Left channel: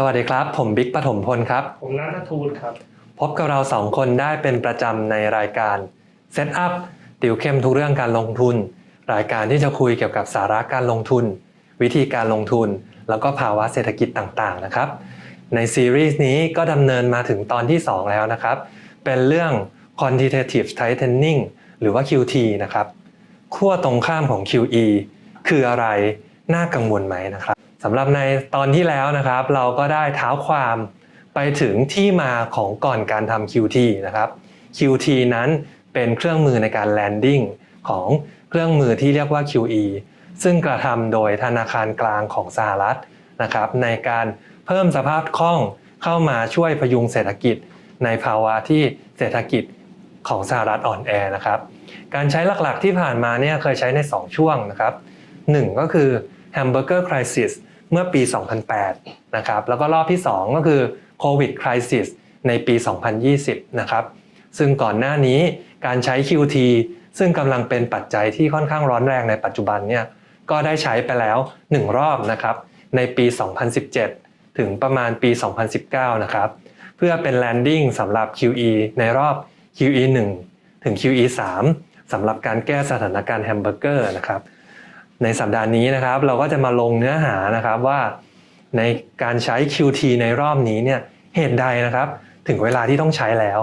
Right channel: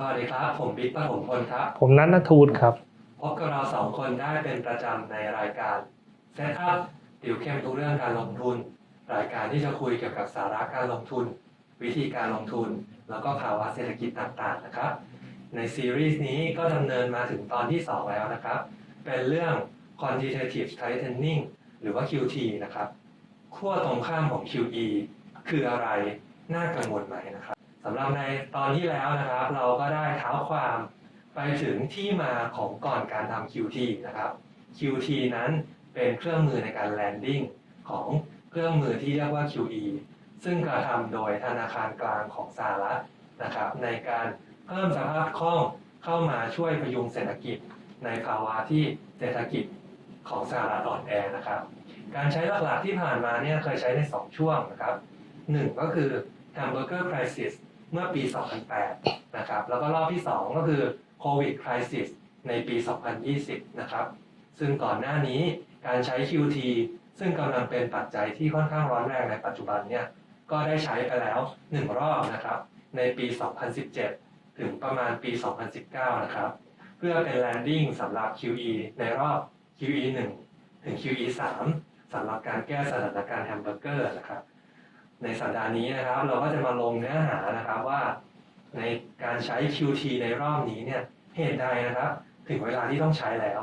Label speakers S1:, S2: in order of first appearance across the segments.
S1: สวัสดีครับ ผมบิ๊กปฐมพลครับ
S2: ผมนัทนทูลครับ
S1: พบกับเราสองคนได้เป็นประจำในรายการ Set Up ติวเข้มทุกเรื่องการลงทุน รายการที่จะคุยเกี่ยวกับสาระการลงทุน วิธีการลงทุน แล้วก็ภาวะเศรษฐกิจต่างๆนะครับ ในซีรีส์นี้ก็ดำเนินมาถึงตอนที่ 2 แล้วนะครับ เป็นเรื่อง quantitative tightening หรือว่า QT นะครับขั้วตรงข้ามของ QE คืออะไรน่ากังวลไหมนะครับ สำหรับในตอนที่แล้วนะครับ เราก็ได้เท้าความไปถึงที่มาของก่อนการทำ QT นะครับ QT นั้นเป็นเครื่องมือในการ landing ของเครื่องมือที่เรียกว่า QE ซึ่งกระทำโดยธนาคารกลางของสหรัฐนะครับในการเพิ่มสภาพคล่องเข้ามาช่วยพยุงเศรษฐกิจ ในภาวะที่เศรษฐกิจของสหรัฐอ่อนแอนะครับ การใช้หลักๆที่ผ่านมาเนี่ยเคยใช้ใน 2 ช่วงนะครับ 1 ก็คือ Hamburger Crisis เมื่อปี 2008 นะครับ แล้วก็รอบที่ 2 ก็คือ Covid Crisis ในปี 2020 นะครับ ซึ่งก่อนหน้านี้การใช้ QT ซึ่งกำลังเป็นปัจจัยที่ค่อนข้างร้อนแรงในปัจจุบันเนี่ย ก็ได้ใช้ไปแล้ว 1 รอบนะครับ ในปี 2017 ถึงประมาณปี 2019 นะครับ เพื่อเป็น landing สำหรับ QE ในรอบ QE 1 ถึง QE 3สำหรับการแก้สถานการณ์แฮมเบอร์เกอร์นะครับ ในสัปดาห์นี้นะครับ เราก็จะมาลงเนื้อหานะครับว่า ในการใช้ QT ในรอบนี้เนี่ยเหตุใดนะครับ ถึงเวลาที่ต้องใช้แล้ว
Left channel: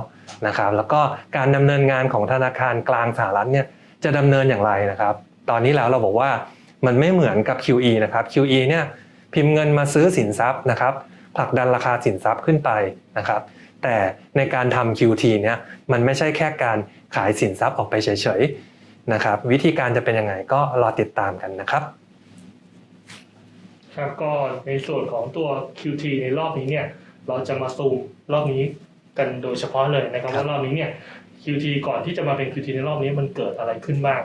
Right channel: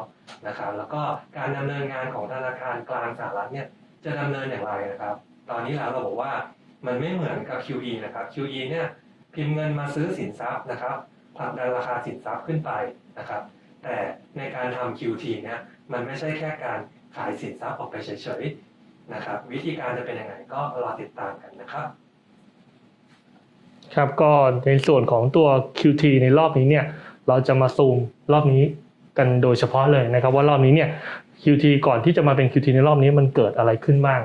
S1: นะครับ แล้วก็การดำเนินงานของธนาคารกลางสหรัฐเนี่ยจะดำเนินอย่างไรนะครับ ตอนนี้แล้วเราบอกว่ามันไม่เหมือนกับ QE นะครับ QE เนี่ยพิมพ์เงินมาซื้อสินทรัพย์นะครับผลักดันราคาสินทรัพย์ขึ้นไปนะครับ แต่ในการทำ QT เนี่ยมันไม่ใช่แค่การขายสินทรัพย์ออกไปเฉยๆ นะครับวิธีการจะเป็นยังไงก็รอติดตามกันนะครับ
S2: ครับก็ในส่วนของตัว QT ในรอบนี้เนี่ยเราจะมาซูมรอบนี้กันโดยเฉพาะเลยนะครับ
S1: ครับ
S2: ว่ารอบนี้เนี่ย QT ก่อนที่จะมาเป็น QT ในรอบนี้มันเกิดอะไรขึ้นบ้าง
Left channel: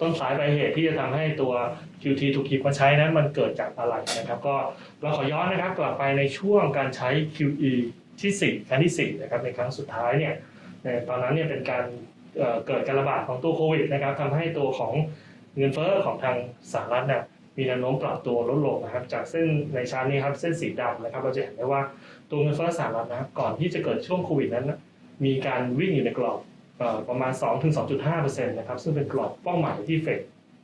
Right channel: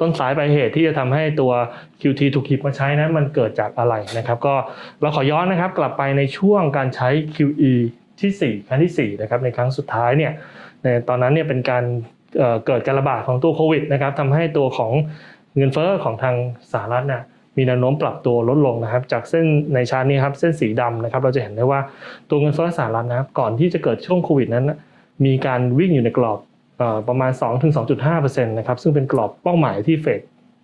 S2: ต้นสายปลายเหตุที่จะทำให้ตัว QT ถูกหยิบมาใช้นั้นมันเกิดจากอะไรนะครับ ก็เราขอย้อนนะครับกลับไปในช่วงการใช้ QE ที่ 4 ครั้งที่4นะครับในครั้งสุดท้ายเนี่ยในตอนนั้นเนี่ยเป็นการ เกิดการระบาดของตัวโควิดนะครับทำให้ตัวของเงินเฟ้อของทางสหรัฐเนี่ยมีแนวโน้มปรับตัวลดลงนะครับ จากเส้นในชาร์ตนี้ครับเส้นสีดำนะครับ เราจะเห็นได้ว่าตัวเงินเฟ้อสหรัฐนะครับก่อนที่จะเกิดช่วงโควิดนั้น มีการวิ่งอยู่ในกรอบเอ่อประมาณ 2-2.5%นะครับซึ่งเป็นกรอบเป้าหมายที่เฟด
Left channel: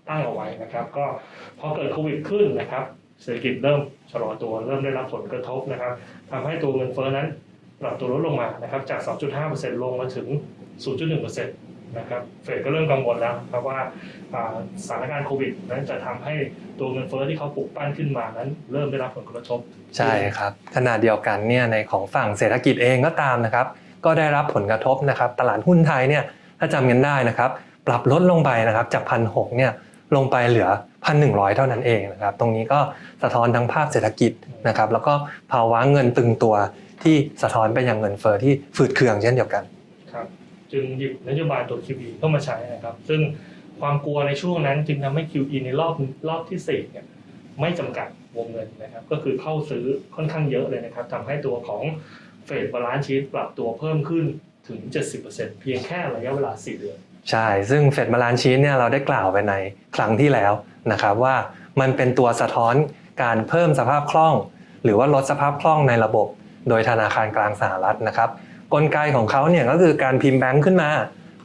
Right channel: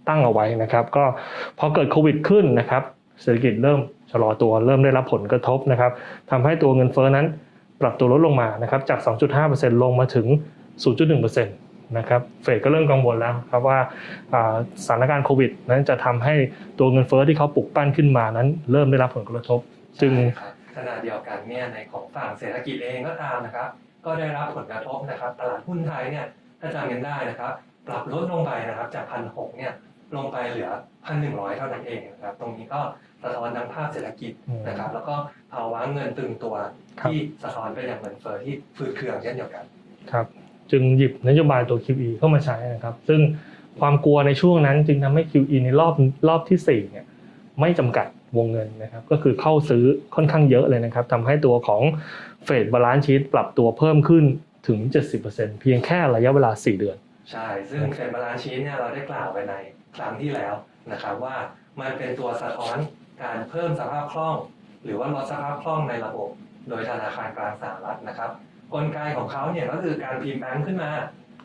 S2: ตั้งเอาไว้นะครับ ก็พอเกิดโควิดขึ้นนะครับเศรษฐกิจเริ่มชะลอตัวเริ่มได้รับผลกระทบนะครับทำให้ตัวเงินเฟ้อนั้นปรับตัวลดลงมานะครับจาก 2.5%ลงมาถึง 0.1%นะครับเฟดก็เริ่มกังวลแล้วครับว่าอ่าสถานการณ์โควิด นั้นจะทำให้ตัวเงินเฟ้อที่เขาปลุกปั้นขึ้นมานั้น เริ่มได้รับผลกระทบ
S1: ใช่ครับขณะเดียวกันเนี่ยในของฝั่งเศรษฐกิจเองก็ตามนะครับ ก็ได้รับผลกระทบนะครับ ตลาดหุ้นไทยเนี่ยถ้าจำกันได้นะครับ ปรับลดลงไปนะครับจากพันหเนี่ยลงไปเหลือพันหนึ่งเท่านั้นเองนะครับ ตรงนี้ก็สะท้อนทั้งภาพเศรษฐกิจนะครับ แล้วก็ภาวะเงินตึงตัวที่สะท้อนไปยังเงินเฟ้อที่ฝืดเคืองเช่นเดียวกัน
S2: ครับ จึงหยิบนโยบายตัว QE เข้ามาใช้นะครับ ซึ่งความกลัวในช่วงนั้นจึงทำให้ QE ในรอบรอบที่4เนี่ยไม่จำกัดวงเงินนะครับ ก็คือเข้าซื้อค่อนข้างเยอะเลยนะครับทำให้ตัวของเฟดบาลานซ์ชีตปรับตัวเพิ่มขึ้นถึง 70%เพียงแค่ระยะเวลา 4 เดือน
S1: ใช่ ซึ่งเฟดมาลานซ์ชีนเนี่ยเราได้กล่าวไปในครั้งที่แล้วนะครับว่ามันเป็นตัวสะท้อนการเพิ่มสภาพคล่อง หรือว่าลดสภาพคล่องในระบบ โดยธนาคารกลางสหรัฐนะครับ กลไกของเขาเนี่ยก็คือการพิมพ์แบงค์ขึ้นมา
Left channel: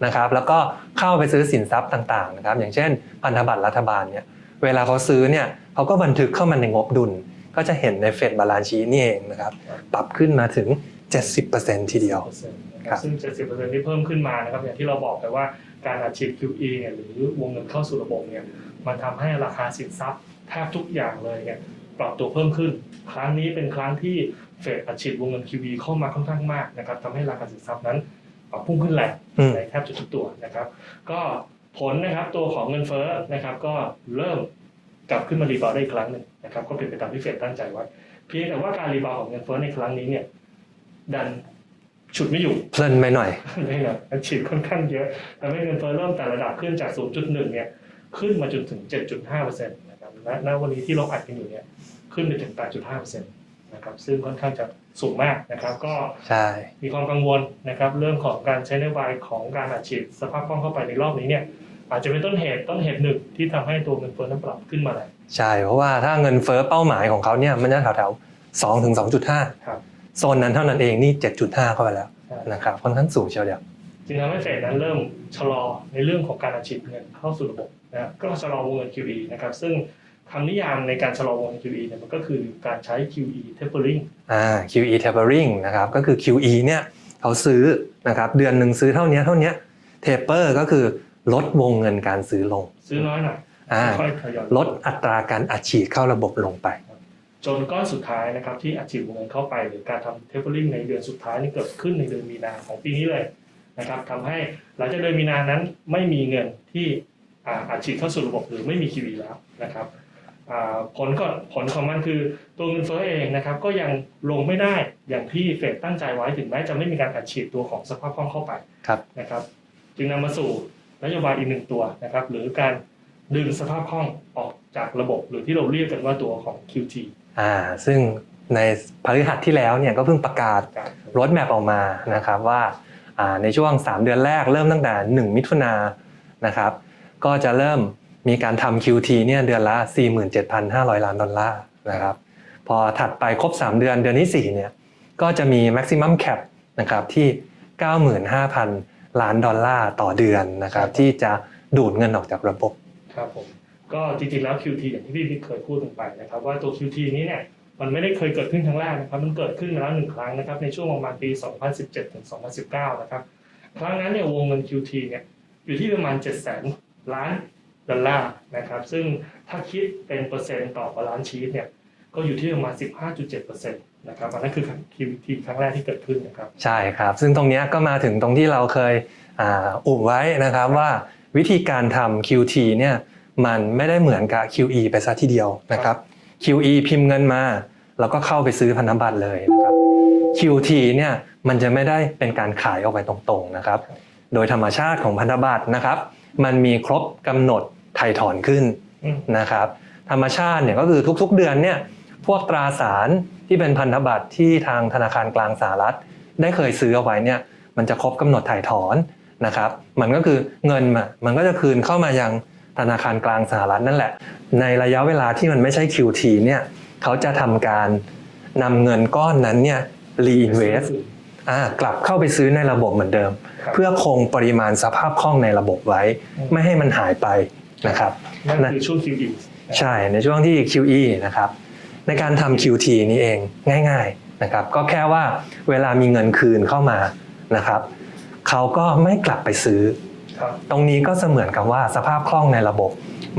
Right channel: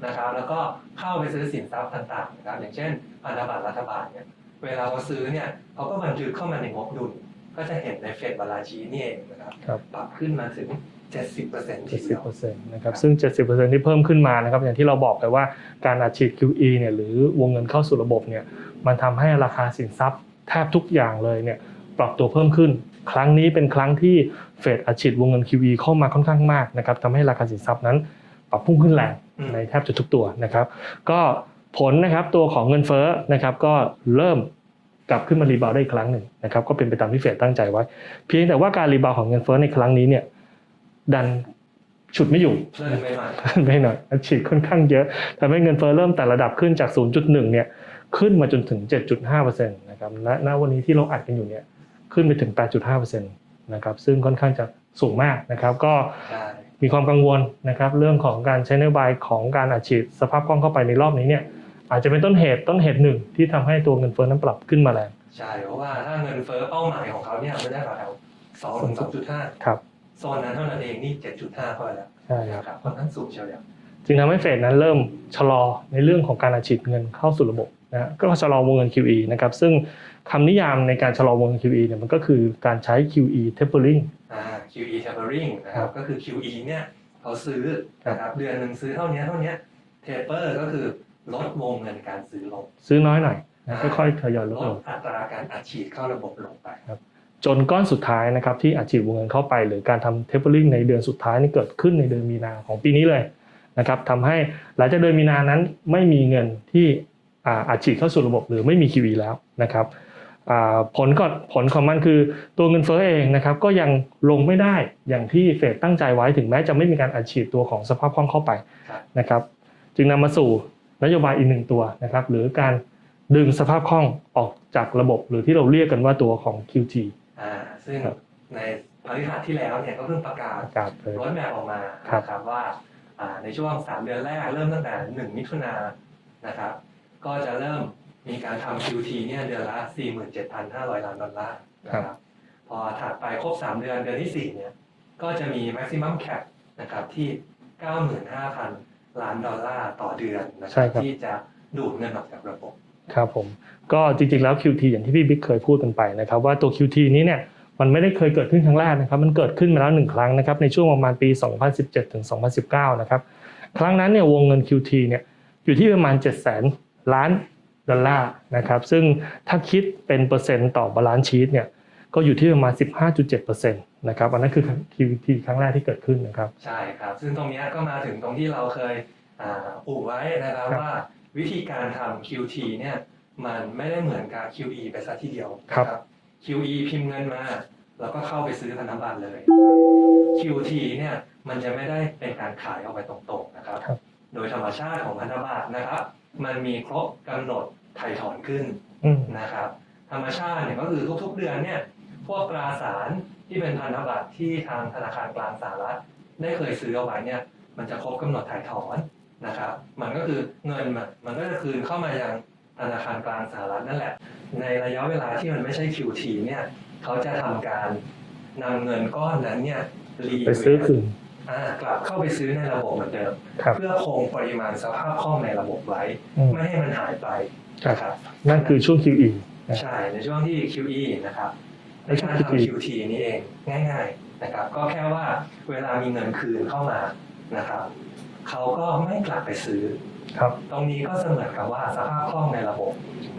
S1: นะครับแล้วก็เข้าไปซื้อสินทรัพย์ต่างๆนะครับอย่างเช่น พันธบัตรรัฐบาลเนี่ยเวลาเขาซื้อเนี่ยเขาก็บันทึกเข้ามาในงบดุล ก็จะเห็นในเฟดบาลานชีนี่เองนะครับ
S2: ครับ
S1: ปรับขึ้นมาถึง 70%ทีเดียว
S2: 70%นะครับ
S1: ครับ
S2: ซึ่ง 70%ที่เพิ่มขึ้นมานะครับอย่างที่เราบอกไปว่าการอัดฉีด QE เนี่ยหรือวงเงินเข้าสู่ระบบเนี่ยมันทำให้ราคาสินทรัพย์แทบทุกอย่างเลยเนี่ยปรับตัวเพิ่มขึ้น ครั้งนี้เป็นครั้งที่ เฟดอัดฉีดวงเงิน QE เข้ามาค่อนข้างมากนะครับทำให้ราคาสินทรัพย์นั้นปรับพุ่งขึ้นแรง
S1: อืม
S2: ในแทบจะทุกตัวนะครับ ก็ผลนะครับตัวของเงินเฟ้อนะครับ ก็เริ่มกลับขึ้นมารีบาวด์ได้อีกครั้งหนึ่งนะครับ ก็เป็นไปตามที่เฟดตั้งใจไว้ เพียงแต่ว่าการรีบาวด์ของเงินเฟ้อในครั้งนี้เนี่ย ดันฉุดไม่อยู่
S1: เพลินไปหน่อย
S2: ไม่หน่อยอัดฉีดค่อนข้างเยอะทำให้เงินเฟ้อเริ่มแต่ระดับขึ้นจาก 0.1 เนี่ย ขึ้นมาจนถึง 7.5%นะครับณณวันนี้ที่เราอัดกันอยู่เนี่ย ขึ้นไปถึง 8.5%นะครับซึ่งค่อนข้างจะสูงมากนะครับ ก็
S1: ใช่
S2: มีความกังวลนะครับ เรื่องของการใช้นโยบายของการอัดฉีดสภาพคล่องเข้าไปในรอบนี้เนี่ยอาจจะเป็นต้นเหตุต้นเหตุหนึ่งที่ทำให้ตัวเงินเฟ้อนั้นปรับขึ้นมาแรง
S1: ใช่เพราะว่าถ้าเงินเฟ้อเป้าหมายของเขาเนี่ยมันจะแถวๆ2ถึง2.5
S2: ครับ
S1: โซนนั้นเท่านั้นเองนี่7.5เข้าไปแล้ว
S2: ใช่
S1: นะครับค่อนข้างสูงเชียวเดียว
S2: จึงทำให้เฟดนั้นเริ่มชะลอในเรื่องของการอัดฉีดเงินเข้าสู่ระบบนะก็ชะลอวงเงิน QE นะครับซึ่ง คำนิยามในการชะลอวงเงิน QE เนี่ยมันก็คือการใช้ QE tapering
S1: อ่า QE tapering นะครับก็คือ QE เนี่ยเขาซื้อนะครับเดือนหนึ่งซื้อเท่านี้เท่านี้ taper ก็คือลดวงเงินการซื้อลง
S2: ซื้อน้อยหน่อย
S1: อ่า
S2: ค่อยๆทยอย
S1: ลดอัตราการอัดฉีดเข้าระบบลงไป
S2: จนก้อนสุดท้ายนะครับที่อัดฉีดวงเงินเข้าไป หรือการทำ tapering ในเดือนสุดท้ายนี่เกิดขึ้นในเดือนมีนาของปีนี้เลยนะครับทำให้หลังจากเดือนมีนานั้นไม่มีเงินที่อ่าอัดฉีดเข้าสู่ระบบหรือไม่มี QE แล้วนะครับอ่า ผลก็ผลของมันคือตัวเงินเฟ้อเองนะครับก็ยังลงไม่ได้อย่างที่เฟดตั้งใจไว้ถึงแม้จะไม่มีการอัดฉีดตัวของสภาพคล่องเข้าไป
S1: ครับ
S2: นะครับ จึงนำมาสู่นโยบายอีกหนึ่งตัวนะครับ หรือการดึงสภาพคล่องออกจากระบบ หรือที่เราเรียกกันว่าตัวของ QT
S1: อ่าซึ่งในพฤหัสที่แล้วเนี่ยก็เพิ่งประกาศ
S2: การเผย
S1: รถแมพออกมานะครับว่าอ่าในช่วง 3 เดือนแรกเริ่มตั้งแต่ 1 มิถุนายนนะครับ ก็จะเริ่ม มีการทำ QT เนี่ยเดือนละ 47,500 ล้านดอลลาร์นะครับพอถัดไปครบ 3 เดือนเดือนที่4เนี่ยก็จะมี maximum cap นะครับที่ 95,000 ล้านดอลลาร์ต่อเดือนนะครับที่จะดูดเงินออกจากระบบ
S2: ครับผมก็จริงๆแล้ว QT อย่างที่พี่บิ๊กเคยพูดกันไปนะครับว่าตัว QT นี้เนี่ยมันไม่ได้เคยเกิดขึ้นครั้งแรกนะครับมันเกิดขึ้นมาแล้วหนึ่งครั้งนะครับในช่วงประมาณปี 2017ถึง2019 นะครับครั้งนั้นเนี่ยวงเงิน QT เนี่ยอยู่ที่ประมาณ 7 0 0 0 0 ล้าน ดอลลาร์นะครับซึ่งถ้าคิดเป็นเปอร์เซ็นต์ต่อบาลานซ์ชีตเนี่ยก็อยู่ที่ประมาณ 15.7%นะครับอันนั้นคือ QT ครั้งแรกที่เกิดขึ้นนะครับ
S1: ใช่ครับ ซึ่งตรงเนี้ยก็มาถึงตรงที่เราเคยอ่าอุบไว้นะครับว่าวิธีการทำ QT เนี่ยมันไม่ได้เหมือนกับ QE ไปซะทีเดียวนะครับ QE พิมพ์เงินมาแล้วก็เข้าไปซื้อพันธบัตรเลยนะครับ QT เนี่ยมันจะไม่ได้เป็นการขายออกไปตรงๆนะครับ
S2: ครับ
S1: โดยธรรมชาติของพันธบัตรนะครับ มันมีครบกำหนด ไถ่ถอนขึ้น
S2: อืม
S1: นะครับธรรมชาติเนี่ยก็คือทุกๆเดือนเนี่ยพวกตราสารที่เป็นพันธบัตรที่ทางธนาคารกลางสหรัฐ ได้เคยซื้อเอาไว้เนี่ยมันจะครบกำหนดถ่ายถอนนะครับมันก็คือเงินมันมันก็จะคืนเข้ามายังธนาคารกลางสหรัฐนั่นแหละ ในระยะเวลาที่มันไม่ใช่ QT เนี่ยเขาจะทำการนำเงินก้อนนั้นเนี่ย
S2: ไปซื้อ
S1: reinvest
S2: คืน
S1: อ่ากลับเข้าไปซื้อในระบบเหมือนเดิม
S2: ครับ
S1: เพื่อคงปริมาณสภาพคล่องในระบบไว้
S2: อืม
S1: ไม่ให้มันหายไป นะครับ
S2: นั่นคือช่วง QE
S1: ใช่ในช่วงที่ QE นะครับในการทำ QT นี้เองง่าย ๆนะครับ ก็แค่ว่าเวลามีเงินคืนเข้ามานะครับเขาก็ไม่กลับไปซื้อ
S2: ครับ
S1: ตรงนี้ก็เสมือนกับว่าสภาพคล่องในระบบ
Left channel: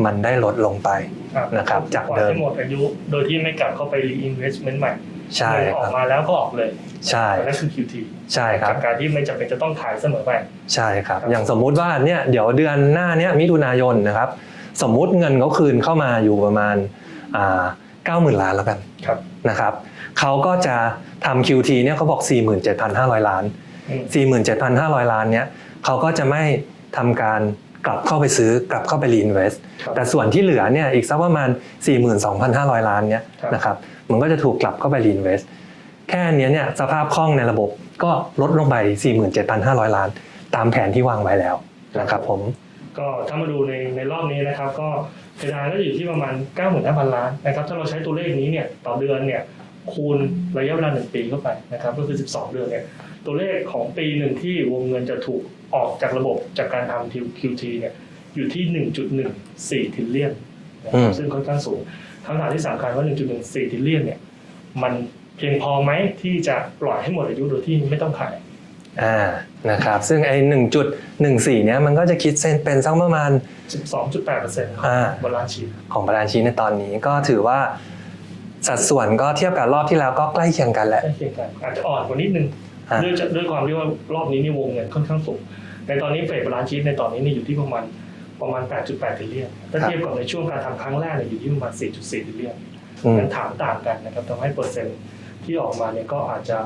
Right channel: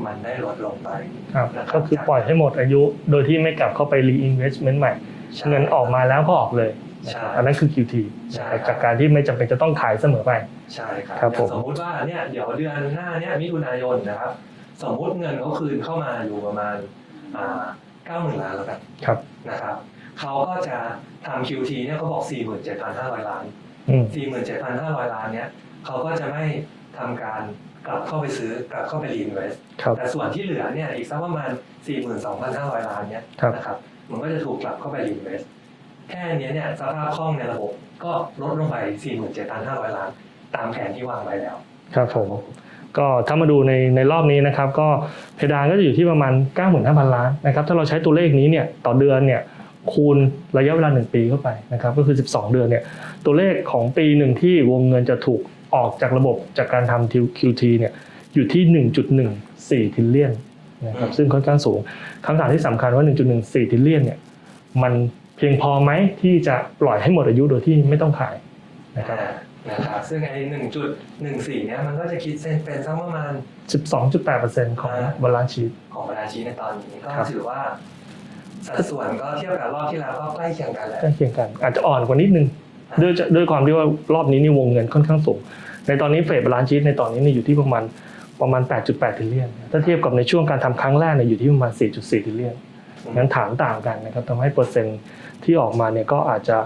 S1: มันได้ลดลงไป
S2: ครับ
S1: นะครับ
S2: ก็คือ
S1: จาก
S2: ปล่อย
S1: เดิม
S2: ให้หมดอายุโดยที่ไม่กลับเข้าไป reinvestment ใหม่
S1: ใช่
S2: เงินออกมาแล้วก็ออกเลย
S1: ใช่
S2: อันนั้นคือ QT
S1: ใช่ครับ
S2: จากการที่ไม่จำเป็นจะต้องขายเสมอไป
S1: ใช่ครับ
S2: ครับ
S1: อย่าง
S2: ผม
S1: สมมุติว่าเนี่ยเดี๋ยวเดือนหน้าเนี้ยมิถุนายนนะครับ สมมุติเงินเขาคืนเข้ามาอยู่ประมาณเก้าหมื่นล้านแล้วกัน
S2: ครับ
S1: นะครับเขาก็จะทำ QT เนี่ยเขาบอก 47,500 ล้าน
S2: อืม
S1: 47,500 ล้านเนี่ยเขาก็จะไม่ทำการกลับเข้าไปซื้อกลับเข้าไป reinvest
S2: ครับ
S1: แต่ส่วนที่เหลือเนี่ยอีกสักประมาณ 42,500 ล้านเนี่ย
S2: ครับ
S1: นะครับมันก็จะถูกกลับเข้าไป reinvest แค่เนี้ยเนี่ยสภาพคล่องในระบบก็ลดลงไป 47,500 ล้าน ตามแผนที่วางไว้แล้วนะครับผม
S2: ก็ถ้ามาดูในในรอบนี้นะครับก็เพดานก็จะอยู่ที่ประมาณ 95,000 ล้านนะครับถ้าเราใช้ตัวเลขนี้เนี่ยต่อเดือนเนี่ยคูณระยะเวลา 1 ปีเข้าไปนะครับก็คือ 12 เดือนเนี่ยตัวเลขของปีหนึ่งที่วงเงินจะถูกออกจากระบบจากการทำ QT เนี่ยอยู่ที่ 1.14ทิลเลียนนะค
S1: อื
S2: รับ
S1: ม
S2: ซึ่งค่อนข้างสูงคำถามที่สำคัญว่า 1.14ทิลเลียนเนี่ยมัน เพียงพอไหมที่จะปล่อยให้หมดอายุโดยที่ไม่ต้องขาย
S1: อ่านะครับซึ่งไอ้1.14เนี่ยมันก็จะคิดเส้นเป็นสักประมาณ
S2: 12.8%ของ
S1: อ่า
S2: บาลานซ์ชีท
S1: ของบาลานซ์ชีทในตอนนี้ก็ถือว่า สัดส่วนก็เทียบกับรอบที่แล้วก็ใกล้เคียงกันแหละ
S2: ใกล้เคียงกันอาจจะอ่อนกว่านิดนึง
S1: อ่า
S2: ด้วยจะด้วยความที่ว่ารอบนี้นี่วงเงินค่อนข้างสูง ในตอนนี้เฟดบาลานซ์ชีทในตอนนี้นี่อยู่ที่ประมาณประมาณ 8.8ทิลเลียนถ้าเทียบกับในช่วงการทำครั้งแรกเนี่ยอยู่ที่ประมาณ 4.4ทิลเลียน
S1: อืม
S2: งั้นถามต่างกันนะครับทำให้เปอร์เซ็นต์ ที่ออกมาเนี่ยก็อาจจะ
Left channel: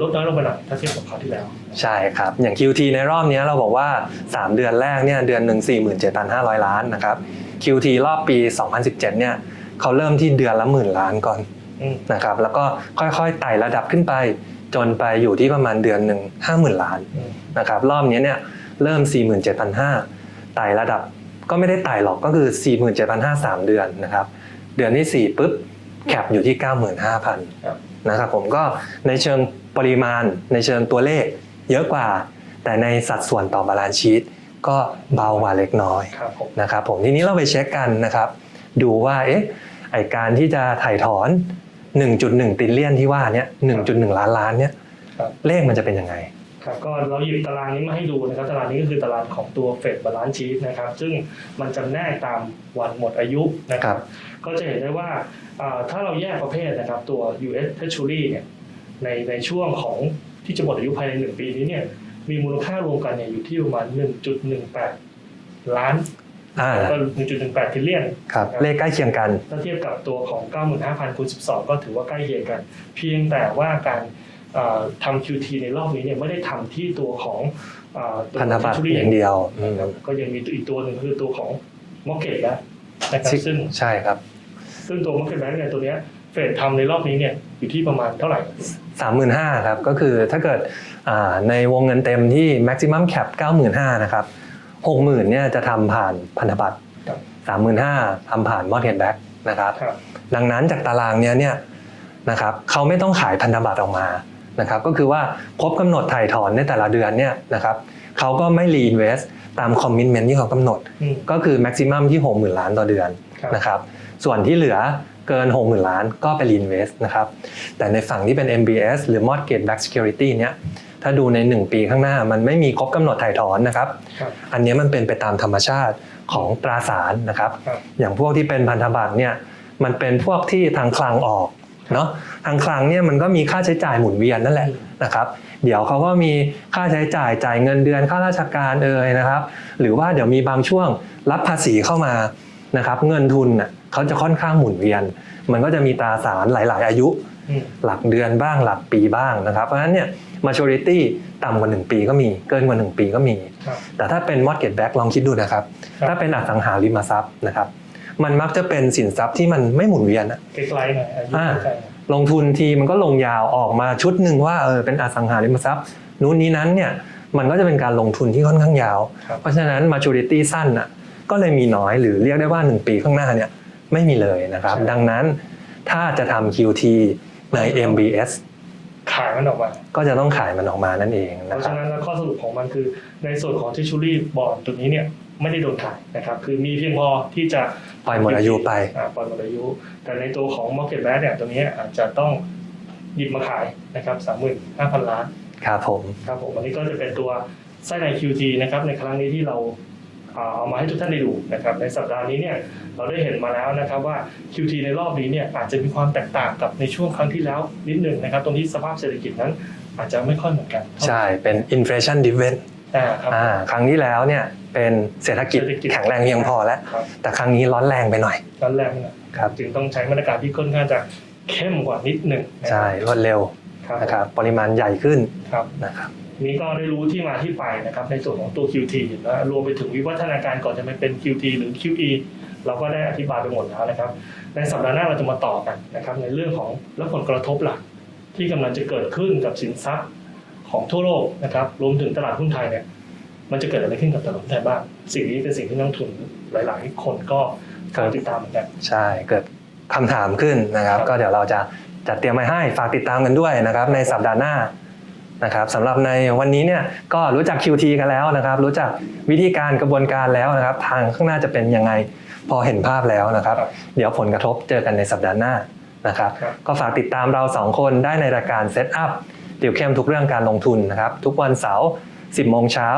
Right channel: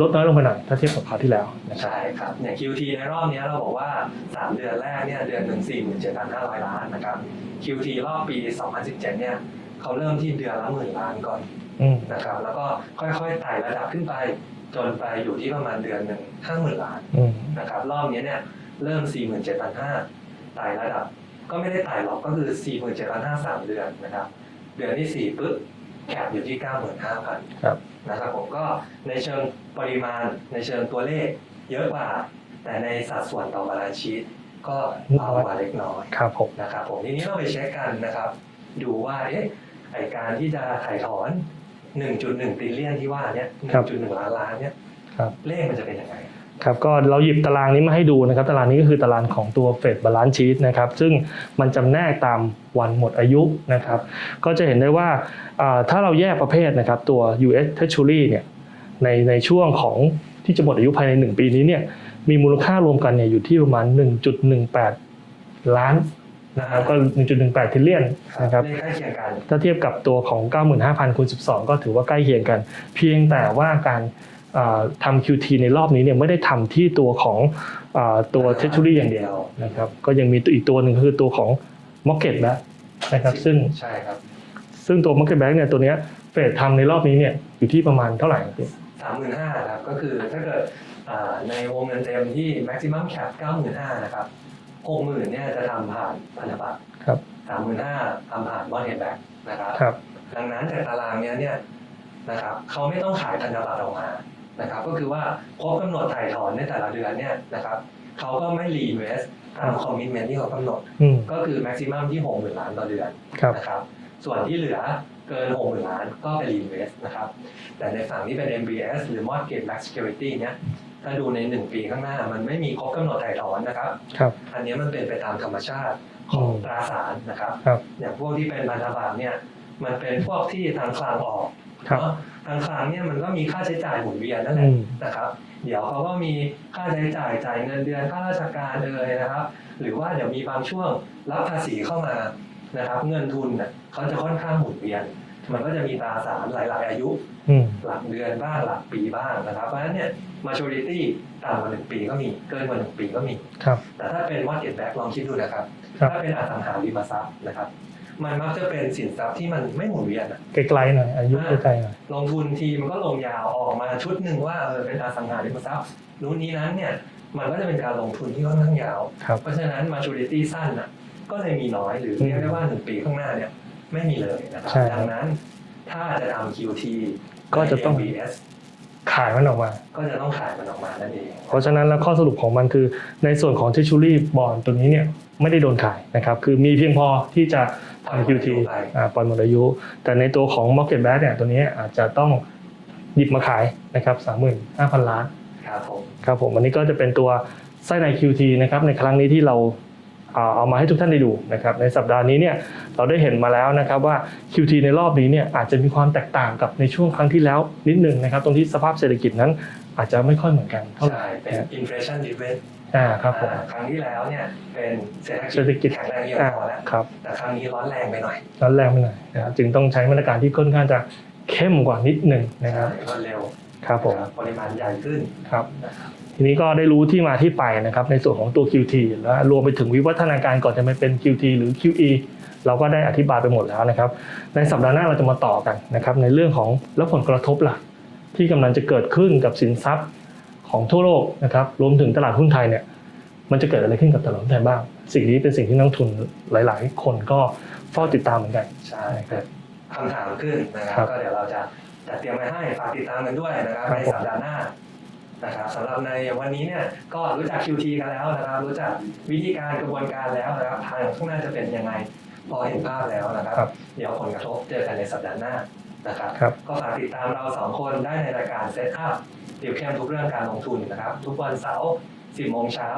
S2: ลดน้อยลงไปหน่อยถ้าเทียบกับคราวที่แล้วนะครับ
S1: ใช่ครับ อย่าง QT ในรอบเนี้ยเราบอกว่า 3 เดือนแรกเนี่ยเดือนหนึ่ง47,500 ล้านนะครับ QT รอบปี 2017 เนี่ยเขาเริ่มที่เดือนละหมื่นล้านก่อน
S2: อืม
S1: นะครับแล้วก็ค่อยๆไต่ระดับขึ้นไป จนไปอยู่ที่ประมาณเดือนหนึ่ง50,000ล้าน
S2: อืม
S1: นะครับรอบนี้เนี่ยเริ่ม 47,500ไต่ระดับก็ไม่ได้ไต่หรอกก็คือ 47,500 3เดือนนะครับ เดือนที่ 4 ปุ๊บแคปอยู่ที่
S2: ครับ
S1: 95,000 นะครับผมก็ในเชิงปริมาณ ในเชิงตัวเลขเยอะกว่า แต่ในสัดส่วนต่อบาลานซ์ชีตก็เบากว่าเล็กน้อย
S2: ครับผม
S1: นะครับผมทีนี้เราไปเช็คกันนะครับ ดูว่าเอ๊ะไอการที่จะถ่ายถอน 1.1ติลเลียนที่ว่าเนี้ย1.1 ล้านล้านเนี้ย
S2: ครับ
S1: เลขมันจะเป็นยังไง
S2: ครับก็เราหยิบตารางนี้มาให้ดูนะครับตารางนี้ก็คือตารางของตัวเฟดบาลานซ์ชีตนะครับซึ่งมันจำแนกตามวันหมดอายุนะครั
S1: ครับบ
S2: ก็จะเห็นได้ว่าอ่าถ้าเราแยกประเภทนะครับตัว US Treasury เนี่ยในในช่วงของที่จะหมดอายุภายใน 1 ปีนี้เนี่ยมีมูลค่ารวมกันเนี่ยอยู่ที่ประมาณ 1.18 ล้าน
S1: อ่า
S2: ก็1.18ทิลเลียน
S1: ครับ
S2: นะครับ
S1: เลขใกล้เคียงกัน
S2: ถ้าเทียบกับตัวของ 95,000คูณ12 ก็ถือว่าใกล้เคียงกัน เพียงแต่ว่าการเอ่อ ทำ QT ในรอบนี้เนี่ยไม่ได้ทำที่ตัวของเอ่อตัว
S1: พันธบัตร
S2: Treasury
S1: อย่างเดียว
S2: นะครับก็ยังมีตัวอีกตัวหนึ่งคือตัวของ Market Back นะครับซึ่ง
S1: ใช่ครับ
S2: ซึ่งตัว Market Back เนี่ยตัวเนี้ยเฟดทำในรอบนี้เนี่ยอยู่ที่ประมาณเท่าไหร่
S1: 35,000ครับก็คือถ้าเกิดอ่าในวงเงินเต็มที่ maximum cap 95,000นะครับ60,000เนี่ยจะทำผ่านพันธบัตร
S2: ครับ
S1: 35,000ทำผ่าน mortgage back นะครับ
S2: ครับ
S1: ดังนั้นจากตารางเนี้ยเนี่ยนะครับเขาไม่ต้องขายพันธบัตรออกมา นะครับก็คือว่าครบกำหนดถ่ายถอนในแต่ละเดือนเนี่ยนะครับเขาก็ไม่ reinvest ตาม commitment ที่เขากำหนด
S2: อืม
S1: ก็คือ maximum ที่ 60,000 ล้านต่อเดือน
S2: ครับ
S1: นะครับส่วนที่เหลือเกิน 60,000 ล้านก็ไป reinvest นะครับแต่ในฝั่งที่เป็น MBS หรือ mortgage backed security เนี่ยถ้าดูใน 1 ปีข้างหน้ามันไม่มีครบกำหนดถ่ายถอนนะครับ
S2: ครับ
S1: อันเนี้ยมันเป็นไปตามธรรมชาติของตราสารนะครับ
S2: ครับ
S1: อย่างพวกที่เป็นพันธบัตรเนี่ยมันเป็นพวกที่ทางคลังออก
S2: ครับ
S1: เนาะทางคลังเนี่ยมันก็มีค่าใช้จ่ายหมุนเวียนนั่นแหละ
S2: อืม
S1: นะครับเดี๋ยวเขาก็มีค่าใช้จ่ายจ่ายเงินเดือนค่าราชการเอ่ยนะครับ หรือว่าเดี๋ยวมีบางช่วงรับภาษีเข้ามานะครับเงินทุนน่ะเขาจะค่อนข้างหมุนเวียน มันก็จะมีตราสารหลาย ๆ อายุ
S2: อืม
S1: หลักเดือนบ้างหลักปีบ้างนะครับเพราะฉะนั้นเนี่ย maturity ต่ำกว่า 1 ปีก็มีเกินกว่า 1 ปีก็มี
S2: ครับ
S1: แต่ถ้าเป็น mortgage back ลองคิดดูนะครับ
S2: ครับ
S1: ถ้าเป็นอสังหาริมทรัพย์นะครับ มันมักจะเป็นสินทรัพย์ที่มันไม่หมุนเวียนอะ
S2: ไกลๆหน่อยอายุ
S1: อ่า
S2: ไกลๆหน่อย
S1: ลงทุนทีมันก็ลงยาวออกมาชุดหนึ่งว่าเออเป็นอสังหาริมทรัพย์ นู้นนี้นั้นเนี่ยมันก็จะเป็นการลงทุนที่ค่อนข้างยาว
S2: ครับ
S1: เพราะฉะนั้น maturity สั้นอะก็เลยมีน้อยหรือเรียกได้ว่า 1 ปีข้างหน้าเนี่ยไม่มีเลยนะครับ
S2: ใช่
S1: ดังนั้นถ้าจะทำ QT ใน
S2: ก็จะต้อง
S1: MBS
S2: ขายมันออกมา
S1: ก็จะต้องขายมันออกมานั่นเองคบ
S2: เพราะฉะนั้นแล้วข้อสรุปของมันคือในส่วนของ Treasury Bond ตัวนี้เนี่ยไม่ได้โดนขายนะครับคือมีเพียงพอที่จะ
S1: ปล่อยหมดอายุไป
S2: อ่าปล่อยหมดอายุ แต่ในตัวของ Market Back เนี่ยตัวนี้อาจจะต้องหยิบมาขายนะครับ35,000ล้าน
S1: ครับผม
S2: ครับผมวันนี้ก็จะเป็นตัวไส้ใน QT นะครับในครั้งนี้ที่เราเอาเอามาให้ทุกท่านได้ดูนะครับในสัปดาห์นี้เนี่ยเราได้เห็นมาแล้วนะครับว่า QT ในรอบนี้เนี่ยอาจจะมีความแตกต่างกับในช่วงครั้งที่แล้วนิดหนึ่งนะครับตรงที่สภาพเศรษฐกิจนั้นอาจจะไม่ค่อยเหมือนกันเท่า
S1: ใช่ เป็น inflation driven
S2: อ่าครับผม
S1: อ่าครั้งที่แล้วเนี่ยเป็นเศรษฐกิจ
S2: เศรษฐกิจ
S1: แข็งแรงเพียงพอแล้ว
S2: ครับ
S1: แต่ครั้งนี้ร้อนแรงไปหน่อย
S2: ร้อนแรงไปหน่อย
S1: ครับ
S2: จึงต้องใช้มาตรการที่ค่อนข้างจะเข้มกว่านิดหนึ่งนะค
S1: ใช่
S2: รับ
S1: รวดเร็ว
S2: ครับผ
S1: นะ
S2: ม
S1: ครับปริมาณใหญ่ขึ้น
S2: ครับ
S1: นะครับ
S2: ทีนี้ก็ได้รู้ที่มาที่ไปนะครับในส่วนของตัว QT และรวมไปถึงวิวัฒนาการก่อนจะมาเป็น QT หรือ QE เราก็ได้อธิบายไปหมดแล้วนะครับ ในสัปดาห์หน้าเราจะมาต่อกันนะครับในเรื่องของและผลกระทบหลักที่กำลังจะเกิดขึ้นกับสินทรัพย์ ของทั่วโลกนะครับรวมถึงตลาดหุ้นไทยเนี่ยมันจะเกิดอะไรขึ้นกับตลาดหุ้นไทยบ้าง สิ่งนี้เป็นสิ่งที่นักลงทุนหลาย ๆ คนก็เฝ้าติดตามเหมือนกัน
S1: ใช่เกิดคำถามขึ้นนะครับ
S2: ครับ
S1: ก็เดี๋ยวเราจะจัดเตรียมไว้ให้ฝากติดตามกันด้วยนะครับ
S2: ครับ
S1: ในสัปดาห์หน้านะครับสำหรับในวันนี้เนี่ยก็รู้จัก QT กันแล้วนะครับ รู้จักวิธีการกระบวนการแล้วนะครับ ทางข้างหน้าจะเป็นยังไงพอเห็นภาพแล้วนะครับ
S2: ครับ
S1: เดี๋ยวผลกระทบเจอกันในสัปดาห์หน้านะครับ
S2: ครับ
S1: ก็ฝากติดตามเราสองคนได้ในรายการ Set Up เดี่ยวเข้มทุกเรื่องการลงทุนนะครับ ทุกวันเสาร์ 10 โมงเช้า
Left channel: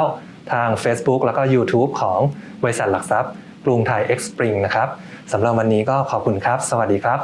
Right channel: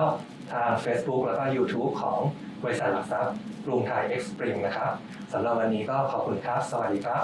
S1: ทาง Facebook แล้วก็ YouTube ของบริษัทหลักทรัพย์กรุงไทย X Spring นะครับสำหรับวันนี้ก็ขอบคุณครับ สวัสดีครับ